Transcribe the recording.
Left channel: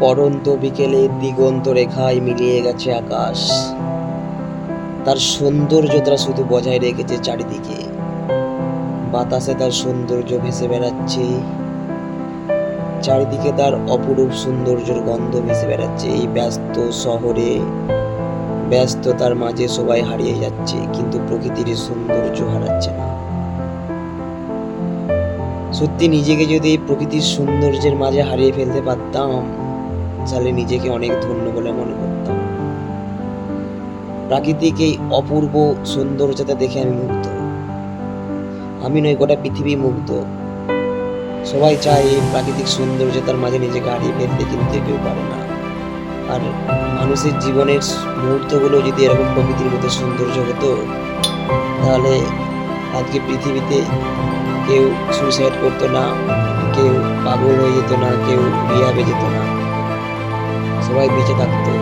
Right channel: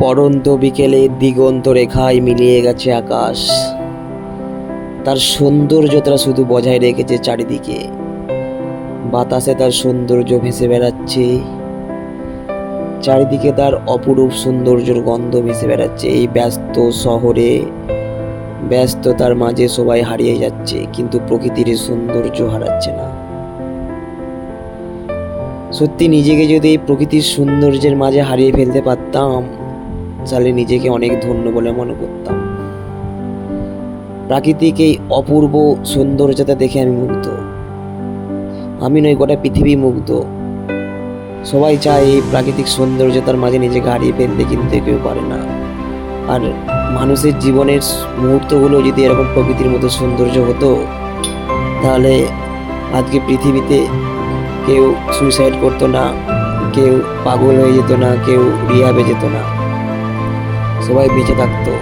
পড়ন্ত বিকেলে দিগন্ত রেখায় মিলিয়ে গেছে আকাশ। তার সৌন্দর্যতা শুধু বজায় রেখেছে চারিদিকে। বাতাসে তার সৌন্দর্য ভেসে বেড়াচ্ছে, চারিদিকে তার অপরূপ সৌন্দর্যের গন্ধ ভেসে বেড়াচ্ছে। এই ব্যস্ত শহরে ব্যস্ততার মাঝে সবাই হারিয়ে যাচ্ছে, কিন্তু প্রকৃতির সৌন্দর্য হারাচ্ছে না। সত্যি নিজেকে যদি এই প্রকৃতির সৌন্দর্যের মাঝে হারিয়ে ফেলতে পারতাম, তাহলে নিজেকে অনেক ধন্য বলে মনে করতাম। প্রাকৃতিক এই অপূর্ব সৌন্দর্যতা দেখে আমি মুগ্ধ। আমি নয়, গোটা পৃথিবী মুগ্ধ। সবাই চায় এই প্রাকৃতিক সৌন্দর্যতার মাঝে নিজেকে হারিয়ে ফেলতে, কিন্তু কেউ পারে না। আর মানুষের জীবনের মুহূর্তগুলো যদি এরকম প্রকৃতির মতো সৌন্দর্য হতো, তাহলে আজকে পৃথিবীতে কেউ সুইসাইড করতো না, কেউ পাগল হয়ে যেত না, কেউ রিহাবে যেত না, সবাই বেঁচে থাকতো।